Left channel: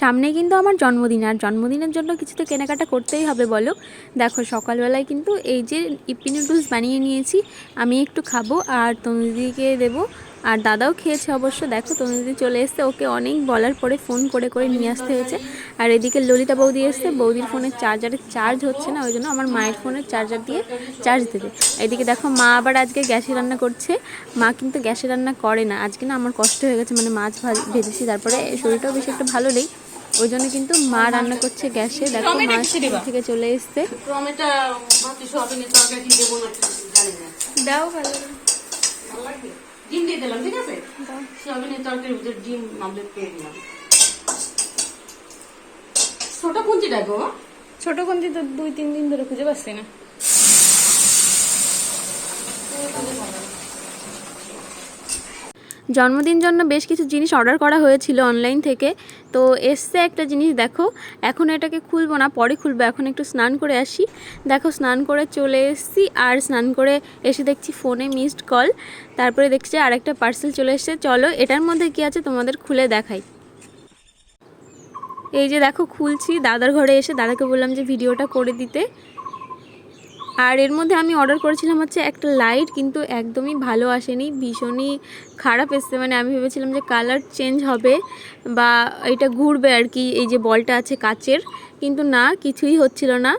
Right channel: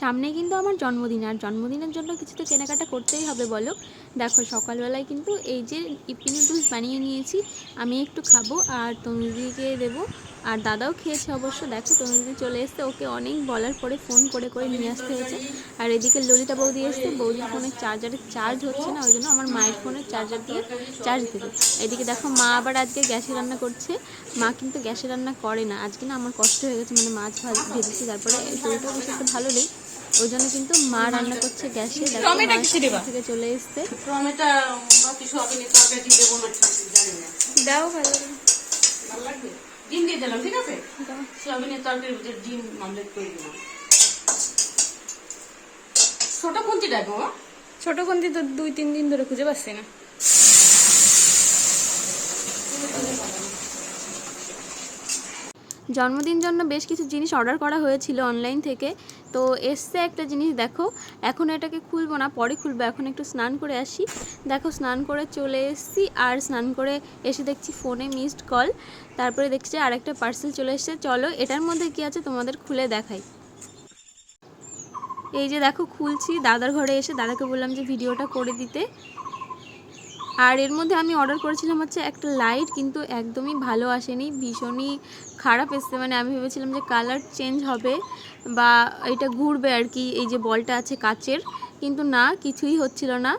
সামনে কিন্তু আমার জন্মদিন, আর জন্মদিনের জন্য কিছু তো কেনাকাটা করতেই হবে বলো। দেখো, সকালবেলায় কিন্তু এই যে ইপি নুডলস বানিয়ে নিয়েছি, আমি একটু খাব আর তনুদিকে দেবো। আর দাদাও খেয়েছে অবশ্য, দেখো তনুদি চলে এসছে, ওকে অনেক বলার পরে ফোন করে করে নিয়ে আসতে হয়েছে। আর এদিকে ললিতা বৌদি এসছে, বৌদির ফোনের চার্জারে চার্জ হচ্ছে না, ওই জন্য আমার মায়ের ফোনের চার্জার দিয়ে চার্জ দেবে এদিকে দেখো মা আবার আজকে গ্যাসে রান্না করছে, মা কিন্তু গ্যাসে রান্না করে না, আজকে না আমার কষ্ট হয়ে গেছে মানে মাছ ভাজ ভেজেছি, তারপরে শরীরটাও বেশি একটা ভালো নেই। ওই জন্য কিন্তু মা রান্না করছে গ্যাসে দেখো মা থেকে চলে এসছে। টমেটো বাকি সয়াবিনের তরকারি দেবো না জানি না। দাও ভালো ভালো ডিম দিয়ে দিলাম ঠিক আছে? সয়াবিনের তরকারি ভিতরে ডিম আমলেট করে দিলাম ছোট কুঞ্চি দেখো ছোট কঞ্চি তো দুই তিন দিন ধরে খুঁজে পাচ্ছি না। জন্মদিন জন্য বেশ কিছু জিনিস অর্ডার করা হয়েছিল অনলাইন থেকে। তো এসছে একটা জিনিস, দেখো, এখন এটাকে খুলবো না, পরে খুলবো, এখন একটু স্নান করে আসি। দেখো, স্নান করে চলে এসছি, আর স্নান করে এসে দেখছি ফোনে মিসড কল তারপরে দেখছি আর একটা পার্সেল চলে এসছে। চলো, এটার মধ্যে কি আছে তোমাদের খুলে দেখাই। এই যে দেখো, খুলছি, দাদার ঘরে এসে দাদাকে বললাম যে, ভিডিওটা করে দিতে। আর এর মধ্যে আমি অর্ডার করেছিলাম হচ্ছে একটা লাইট কিন্তু একদমই ভালো আসেনি, ভীষণই খারাপ এসছে। মানে আমি ভেবেছিলাম যে কালার চেঞ্জ হবে বা এটা ঘুরবে আর কি, এই যে বলটা আছে কাচের, কিন্তু না, কিছুই হচ্ছিল না।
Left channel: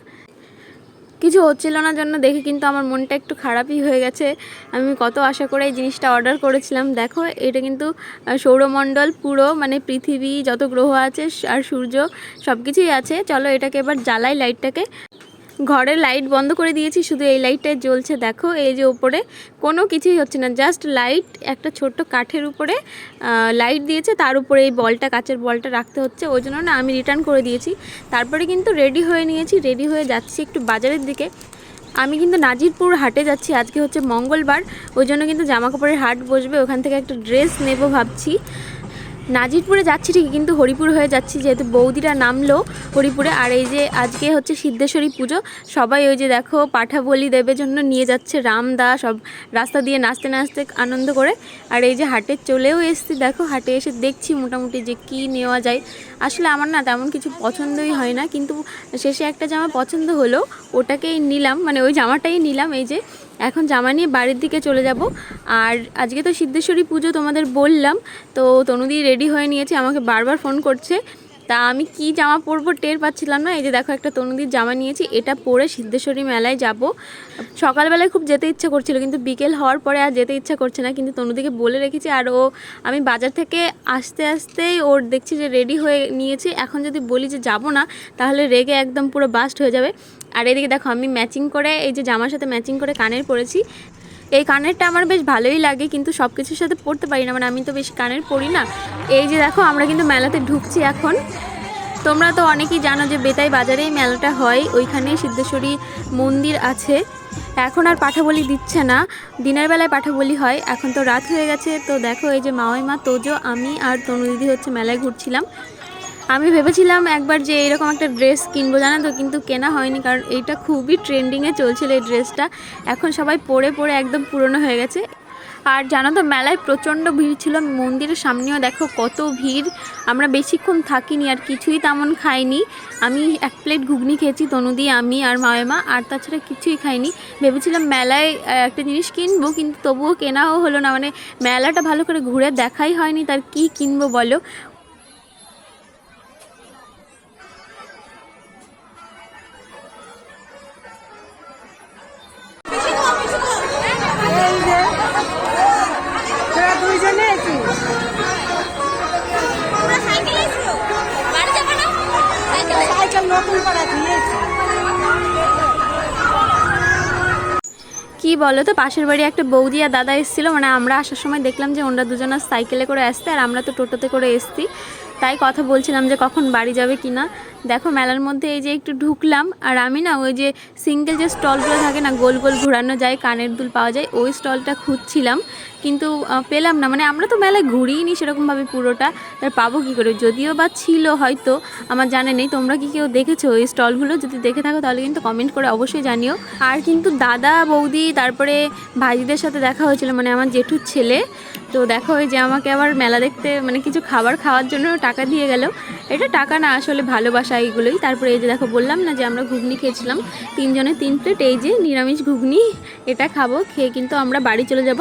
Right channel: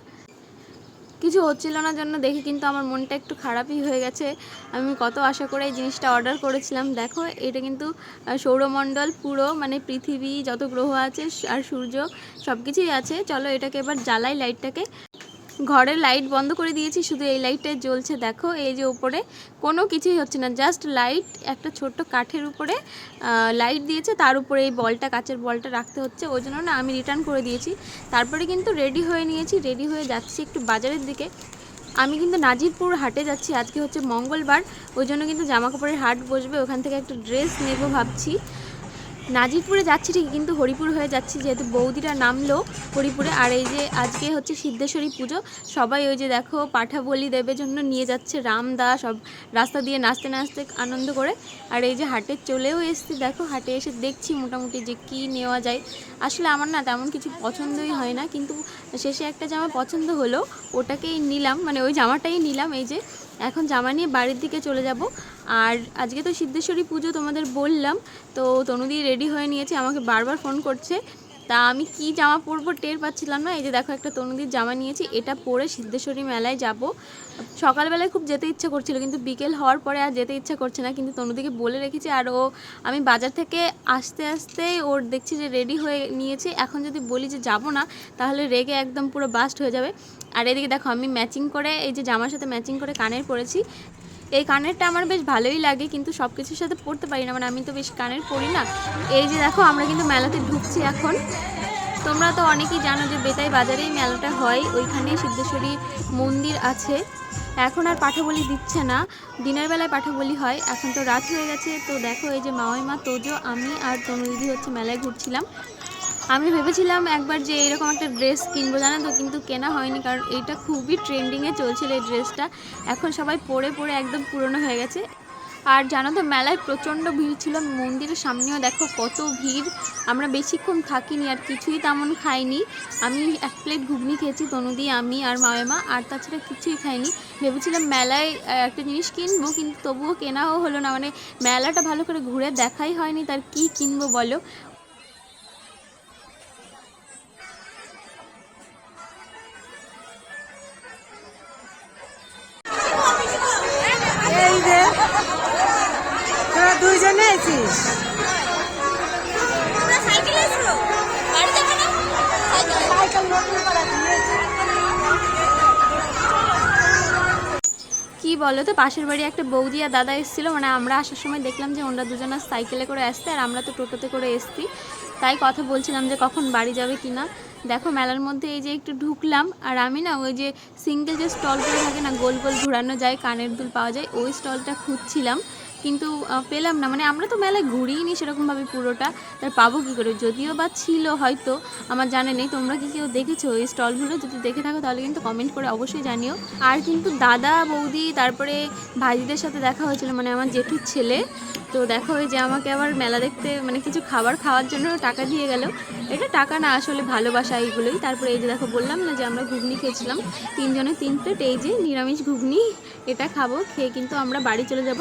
কিছু হচ্ছিল না জন্য দেখে কিন্তু আমার মনটা একটু খারাপই হয়ে গেছে। আমি কত আশা করে এই জিনিসটা অর্ডার করেছিলাম। দেখো, এটা কিন্তু সৌরমণ্ডল পুরো মানে পৃথিবী, যত গ্রহ আছে, আর সূর্য সব কিছুই আছে। চলো এটাকে এবার জ্বালাই লাইটটাকে ঘরের লাইট বন্ধ করে দিয়েছি, শুধু এই লাইটটাই জ্বলছে, দেখো। এই যে উপরে, কোনো কিছুই হচ্ছে না, জাস্ট লাইট, একটা ছোট্ট কাঠের উপরে লাইট দিয়েছে, তার উপরে এই বলটা, কাচের বলটা রাখতে হচ্ছে, ওই জন্য না আমি রিটার্ন করে দিয়েছি। তারপরে কিন্তু রেডি হয়ে নিয়েছি রেডি হয়ে যাচ্ছি একটু বাজারের দিকে। আমি কিন্তু নাজিরপুর হাটে যাচ্ছি, আজকে হচ্ছে মঙ্গলবার, ওই জন্য কিন্তু জামা কাপড়ের হাট বসবে, ওখান থেকে একটা ড্রেস নেব ভাবছি। নাজিরপুরে যাচ্ছি ঠিকই, কিন্তু হরিপুর হয়ে যাচ্ছি, যেহেতু বৌদিরা নামলো হরিপুরে। আর এই যে আজকে হচ্ছে সিদ্ধেশ্বরী পুজো, সবাই ওই যে দেখো পাঠা বলি দেবের জন্য নিয়ে যাচ্ছে রামদা সব রাস্তা দিয়ে নাচতে নাচতে আনন্দ করে। আর এই যে হাটে চলেও এসছি, দেখো হাটে এসে দেখছি মোটামুটি যে কি নেওয়া যায়। আসলে আমার না তেমন কিছু পছন্দই হয় না, কিন্তু শেষে একটা জামা পছন্দ হলো, ওটাকেই নিলাম মানে ওই জামাটাই নিলাম এই যে। এখন জামা নিয়ে বাড়ির দিকে চলে যাব। আর আজকে তো সিদ্ধেশ্বরী পুজো তোমাদের বললাম, তো তনুদি রেডি হয়ে নিয়েছে, আমাকে বারবার ফোন করছে। তা আমি কি জামা পরবো টের পাচ্ছিলাম না, এই যে দেখো একটা তনুদির জামা নিয়েছি, এটা পরে সিদ্ধেশ্বরী মেলায় যাব। সকালবেলায় খুব যেতে ইচ্ছা করছিল, কিন্তু বিকেল হওয়ার পরে আর যেতে ইচ্ছা করছে না, কিন্তু তনুদিকে বলে রেখেছি, আর ও, আমি বাজার থেকে আসতে আসতেই ওর দেখছি যে রেডি হয়ে নিয়েছে। এখন যদি বলি যে যাব না, তাহলে রেগে একদম পুরো বাস্ট হয়ে যাবে। আর এদিকে দেখো, আমি ম্যাচিং করে, এই যে জামার সাথে ম্যাচিং করে কানের পরেছি। এই কানেরটা আমার বেশ ভালোই লাগে, কিন্তু সব কিছুর সাথে পরতে পারি না মানে আমি তো বেশি কানের পরি না। এই যে দেখো, আমরা কিন্তু মেলাতে ঢুকছি এখন। তোমরা তো অনেকেই জানো যে বেতাই বাজারেই মেলাটা হয় ওইখানে সিদ্ধেশ্বরী মন্দির আছে। এখন আর পাঠা বলি দিচ্ছে না, দিনের বেলায় পাঠা বলি হয়, এখন তো রাত হয়ে গেছে, তো দেখো এই যে মাওই মা, তোজো, আমি আর তনু দিদি হচ্ছে মেলায় ঘুরছিলাম। আমি ভেবেছিলাম একবার যে এরকম একটা ড্রেস কিনবো, জানো তো? কিন্তু কেনা হয়নি, কারণ এইটা খুবই ট্রেন্ডিংয়ে চলছিল এই ড্রেসটা এখন সবাই পরে পরে একদম পুরনো হয়ে গেছে। আর জানো তো, মেলায় প্রচণ্ড ভিড় ছিল, মন্দিরের সামনেও দেখো কত ভিড়। আমরা বেশিক্ষণ থাকিনি আর কিছুই তেমন খাইনি। আমি এক প্লেট ঘুগনি খেয়েছি তনুদি আমি আর মায়েমা আর তাছাড়া কিছুই খাইনি। ভেবেছিলাম মেলায় একটা জিনিস কিনবো, কিন্তু তবুও কেনাও হলো না। মানে মেলাটা ভালো করে ঘুরে দেখাই হয়নি, তার কি কিনবো বলো? বলো তো, পাশের বাড়ি একটা বৌদি আর দাদা এসেছিল মানে আমরা আসার সময় দেখলাম যে ওনারা দুজনা সাইকেলে করে আসতে আর আমরা তো টোটোতে করে এসছি। তাই কথা বলছিলাম যে কখন বাড়ি যাবে কি না। দেখো মেলার মধ্যে এই যে একটু ঢুকলাম, আর আমি না ওই যে সিঙ্গেল যে স্টলগুলো থাকে না, গোল গোল ঘোরানো যায়, কানের দুল পাওয়া যায়, ওই স্টলটা খুঁজছিলাম। কিন্তু পেলাম না। মানে আমরা তো মেলায় ঘুরিনি সেরকমভাবে পুরোটা তার পাবো কী করে? যদিও বা ছিল হয়তো, আমার জানা নেই। তোমরা কি কেউ দেখেছ ওই স্টলগুলো? যদি দেখে থাকো তাহলে কিন্তু কমেন্ট করে অবশ্যই জানিও। আর কিন্তু দাদা, বৌদি, তারপরে ভাইদের সাথে দেখা হয়েছিল মানে আমার জেঠুর ছেলে। তো দেখো ওই যে আমাকে আবার মেলা দেখতে মানে কিছু খাবার খাওয়ার জন্য টাকা দিয়ে গেল। এটা টাকা না, আসলে ভালোবাসা এইগুলোই। তারপরে এই যে দেখো, বললাম না যে আমরা ঘুগনি খেয়েছিলাম। তিনজনে তিন প্লেট এই যে নিরামিষ ঘুগনি, এটা খাব, খেয়ে কিন্তু আমরা বাড়ি চলে যাব।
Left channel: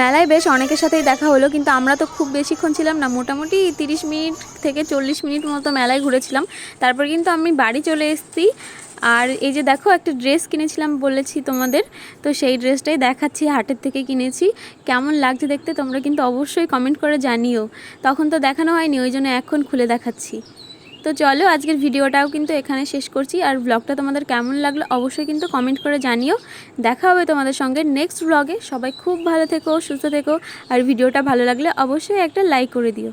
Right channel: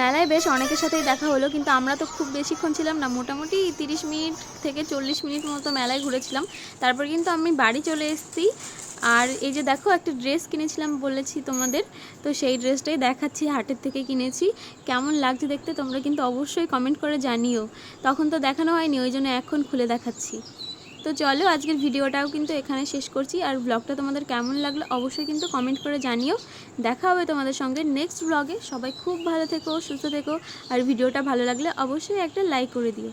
মেলায় বেশ অনেকের সাথেই দেখা হলো, কিন্তু আমরা তো খুব বেশিক্ষণ ছিলাম না। মোটামুটি তিরিশ মিনিট থেকে চল্লিশ মিনিট মতো মেলায় ঘুরেছিলাম। তারপর কিন্তু আমি বাড়ি চলে এসেছি। আর এই যে দেখো, একটা ড্রেস কিনেছিলাম বলেছি তোমাদের, তো সেই ড্রেসটাই দেখাচ্ছি, হাটের থেকে কিনেছি। কেমন লাগছে দেখতে তোমরা কিন্তু অবশ্যই কমেন্ট করে জানিও। তখন তো দেখানো হয়নি, ওই জন্য এখন খুলে দেখাচ্ছি। তো চলো আজকের ভিডিওটাও কিন্তু এখানে শেষ করছি। আর ব্লগটা তোমাদের কেমন লাগল অবশ্যই কিন্তু কমেন্ট করে জানিও। দেখা হবে তোমাদের সঙ্গে নেক্সট ব্লগে সবাই খুব ভালো থেকো, সুস্থ থেকো। আর ভিডিওটা ভালো লাগলে অবশ্যই একটা লাইক করে দিও।